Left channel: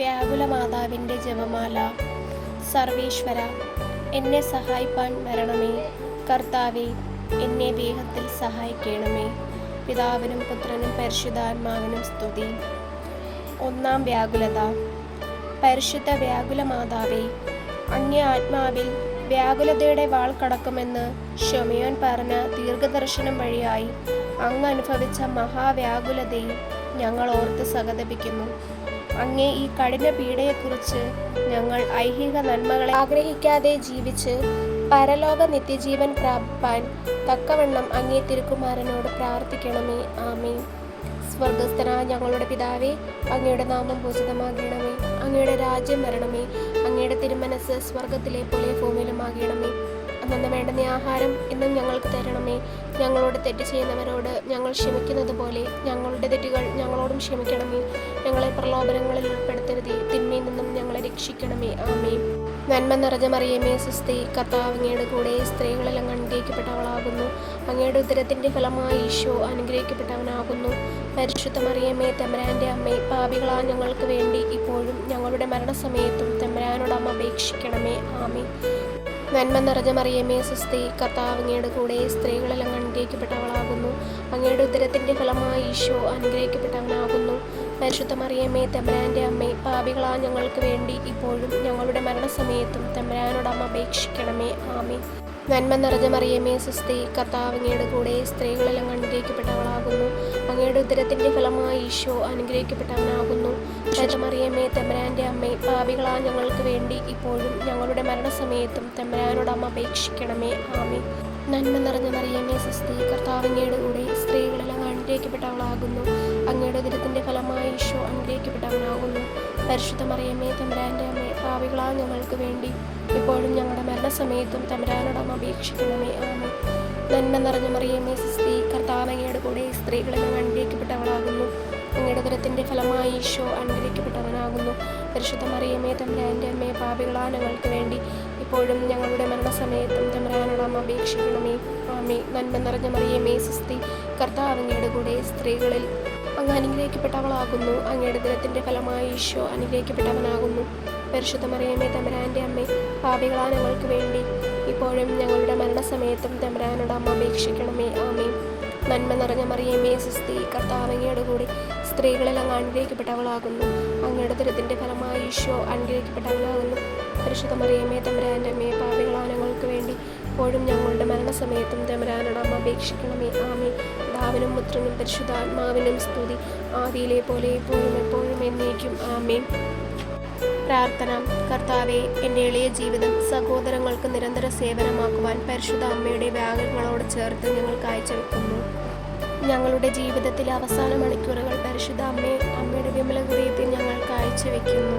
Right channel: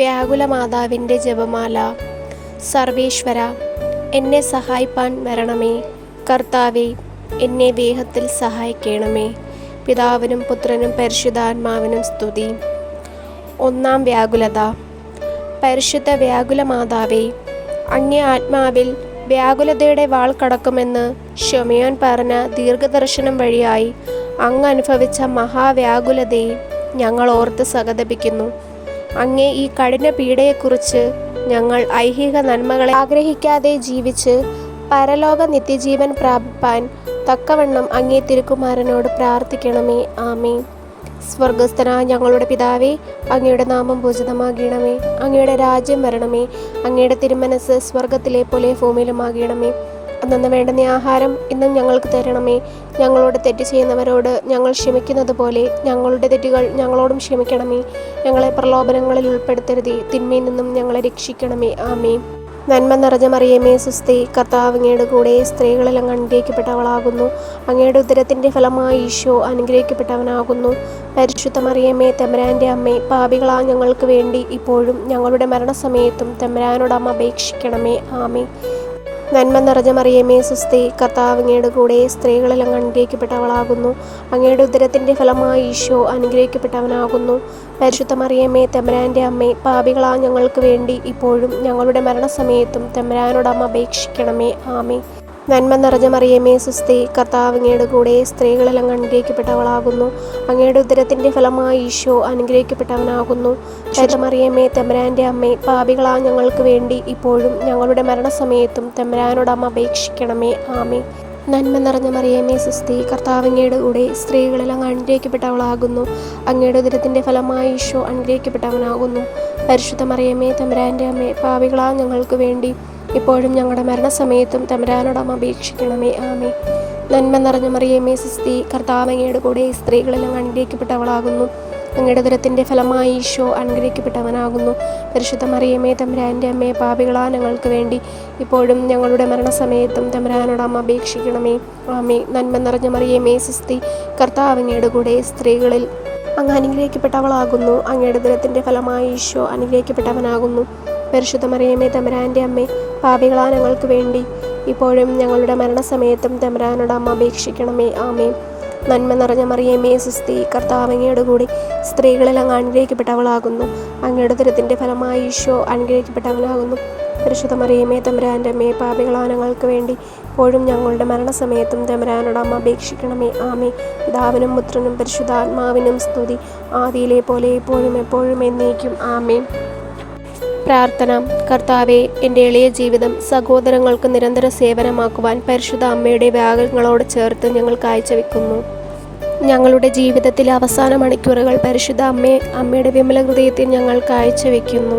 വ്യാകുലമാതാവിൻ്റെ ജപമാല. സർവേശ്വര, എന്നെ സഹായിപ്പാൻ വരണമേ. കർത്താവേ, എന്നെ വേഗത്തിൽ സഹായിക്കണമേ. പിതാവിനും പുത്രനും പരിശുദ്ധാത്മാവിനും സ്തുതി. ഒന്നാം വ്യാകുലത. പരിശുദ്ധ വ്യാകുലമാതാവേ, അങ്ങേ ആത്മാവിൽ വ്യാകുലതയുടെ വാൾ കടക്കുമെന്ന് ശമയോൻ പറഞ്ഞ ദീർഘദർശനം വഴിയായി അങ്ങ് അനുഭവിച്ച മഹാവ്യാകുലതയെ ഞങ്ങൾ ഓർത്ത് സഹതപിക്കുന്നു. അങ്ങേ ഈ കഠിന പീഡയെക്കുറിച്ച് ഞങ്ങൾ ഐഹിക നന്മകളെ ആഗ്രഹിക്കാതെ ജീവിച്ച് പരലോക നിത്യജീവൻ പ്രാപിപ്പാൻ തക്കവണ്ണം അങ്ങേ തിരുക്കുമാരനോട് പ്രാർത്ഥിക്കണമേ. ആമേൻ. സ്വർഗസ്ഥനായ ഞങ്ങളുടെ പിതാവേ, അങ്ങയുടെ നാമം പൂജിതമാകണമേ. അങ്ങയുടെ രാജ്യം വരണമേ. അങ്ങയുടെ തിരുമനസ് സ്വർഗത്തിലെ പോലെ ഭൂമിയിലുമാകണമേ. അന്നു വേണ്ടുന്ന ആഹാരം ഇന്നും ഞങ്ങൾക്ക് തരണമേ. ഞങ്ങളോട് തെറ്റ് ചെയ്യുന്നവരോട് ഞങ്ങൾ ക്ഷമിക്കുന്നത് പോലെ ഞങ്ങളുടെ തെറ്റുകൾ ഞങ്ങളോടും ക്ഷമിക്കണമേ. ഞങ്ങളെ പ്രലോഭനങ്ങളിൽ ഉൾപ്പെടുത്തരുതേ, തിന്മയിൽ നിന്നും ഞങ്ങളെ രക്ഷിക്കണമേ. ആമേൻ. നന്മ നിറഞ്ഞ മറിയമേ, സുസ്തി, കർത്താവ് അങ്ങയുടെ കൂടെ സ്ത്രീകളിൽ അങ്ങ് അനുഗ്രഹിക്കപ്പെട്ടവളാകുന്നു. അങ്ങയുടെ ഉദരത്തിൻ്റെ ഫലമായി ഈശോ അനുഗ്രഹിക്കപ്പെട്ടവനാകുന്നു. പരിശുദ്ധ മറിയമേ, തമ്പുരാൻ്റെ അമ്മേ, പാപികളാ ഞങ്ങൾക്ക് വേണ്ടി ഇപ്പോഴും ഞങ്ങളുടെ മരണസമയത്തും തമ്പുരാനോട് അമ്മ അപേക്ഷിക്കണമേ. ആമേൻ. നന്മ നിറഞ്ഞ മറിയമേ, സുസ്തി, കർത്താവ് അങ്ങയുടെ കൂടെ സ്ത്രീകളിൽ അങ്ങ് അനുഗ്രഹിക്കപ്പെട്ടവളാകുന്നു. അങ്ങയുടെ ഉദരത്തിൻ്റെ ഫലമായി ഈശോ അനുഗ്രഹിക്കപ്പെട്ടവനാകുന്നു. പരിശുദ്ധ മറിയമേ, തമ്പുരാൻ്റെ അമ്മേ, പാപികളാ ഞങ്ങൾക്ക് വേണ്ടി ഇപ്പോഴും ഞങ്ങളുടെ മരണസമയത്തും തമ്പുരാനോട് അമ്മ അപേക്ഷിക്കണമേ. ആമേൻ. നന്മ നിറഞ്ഞ മറിയമേ, സുസ്തി, കർത്താവ് അങ്ങയുടെ കൂടെ സ്ത്രീകളിൽ അങ്ങ് അനുഗ്രഹിക്കപ്പെട്ടവളാകുന്നു. അങ്ങയുടെ ഉദരത്തിൻ്റെ ഫലമായി ഈശോ അനുഗ്രഹിക്കപ്പെട്ടവനാകുന്നു. പരിശുദ്ധ മറിയമേ, തമ്പുരാൻ്റെ അമ്മേ, പാപികളാ ഞങ്ങൾക്ക് വേണ്ടി ഇപ്പോഴും ഞങ്ങളുടെ മരണസമയത്തും തമ്പുരാനോട് അമ്മ അപേക്ഷിക്കണമേ. ആമേൻ. നന്മ നിറഞ്ഞ മറിയമേ, സുസ്തി, കർത്താവ് അങ്ങയുടെ കൂടെ സ്ത്രീകളിൽ അങ്ങ് അനുഗ്രഹിക്കപ്പെട്ടവളാകുന്നു. അങ്ങയുടെ ഉദരത്തിൻ്റെ ഫലമായി ഈശോ അനുഗ്രഹിക്കപ്പെട്ടവനാകുന്നു. പരിശുദ്ധ മറിയമേ, തമ്പുരാൻ്റെ അമ്മേ, പാപികളാ ഞങ്ങൾക്ക് വേണ്ടി ഇപ്പോഴും ഞങ്ങളുടെ മരണസമയത്തും തമ്പുരാനോട് അമ്മ അപേക്ഷിക്കണമേ. ആമേൻ. നന്മ നിറഞ്ഞ മറിയമേ, സുസ്തി, കർത്താവ് അങ്ങയുടെ കൂടെ സ്ത്രീകളിൽ അങ്ങ് അനുഗ്രഹിക്കപ്പെട്ടവളാകുന്നു. അങ്ങയുടെ ഉദരത്തിൻ്റെ ഫലമായി ഈശോ അനുഗ്രഹിക്കപ്പെട്ടവനാകുന്നു. പരിശുദ്ധ മറിയമേ, തമ്പുരാൻ്റെ അമ്മേ, പാപികളാ ഞങ്ങൾക്ക് വേണ്ടി ഇപ്പോഴും ഞങ്ങളുടെ മരണസമയത്തും തമ്പുരാനോട് അമ്മ അപേക്ഷിക്കണമേ. ആമേൻ. നന്മ നിറഞ്ഞ മറിയമേ, സുസ്തി, കർത്താവ് അങ്ങയുടെ കൂടെ സ്ത്രീകളിൽ അങ്ങ് അനുഗ്രഹിക്കപ്പെട്ടവളാകുന്നു. അങ്ങയുടെ ഉദരത്തിൻ്റെ ഫലമായി ഈശോ അനുഗ്രഹിക്കപ്പെട്ടവനാകുന്നു. പരിശുദ്ധ മറിയമേ, തമ്പുരാൻ്റെ അമ്മേ, പാപികളാ ഞങ്ങൾക്ക് വേണ്ടി ഇപ്പോഴും ഞങ്ങളുടെ മരണസമയത്തും തമ്പുരാനോട് അമ്മ അപേക്ഷിക്കണമേ. ആമേൻ. നന്മ നിറഞ്ഞ മറിയമേ, സുസ്തി, കർത്താവ് അങ്ങയുടെ കൂടെ സ്ത്രീകളിൽ അങ്ങ് അനുഗ്രഹിക്കപ്പെട്ടവളാകുന്നു. അങ്ങയുടെ ഉദരത്തിൻ്റെ ഫലമായി ഈശോ അനുഗ്രഹിക്കപ്പെട്ടവനാകുന്നു. പരിശുദ്ധ മറിയമേ, തമ്പുരാൻ്റെ അമ്മേ, പാപികളാ ഞങ്ങൾക്ക് വേണ്ടി ഇപ്പോഴും ഞങ്ങളുടെ മരണസമയത്തും തമ്പുരാനോട് അമ്മ അപേക്ഷിക്കണമേ. ആമേൻ. പിതാവിനും പുത്രനും പരിശുദ്ധാത്മാവിനും സ്തുതി, ആദിയിലെ പോലെ ഇപ്പോഴും എപ്പോഴും എന്നേക്കും. ആമേൻ. പ്രാർത്ഥന. കർത്താവെ, എൻ്റെ എളിയ ജീവിതം സഹോദരങ്ങൾക്ക് നിരന്തര സേവനമാക്കുവാൻ പരിശുദ്ധ അമ്മയുടെ വ്യാകുലങ്ങളോട് ചേർത്ത് ഞങ്ങൾ കാഴ്ചവെക്കുന്നു. ഞങ്ങളുടെ ജീവിതത്തിലെ അവസാന മണിക്കൂറുകൾ പരിശുദ്ധ അമ്മയുടെ വിമല ഹൃദയത്തിൽ ഞങ്ങൾ കാഴ്ചവെക്കുന്നു.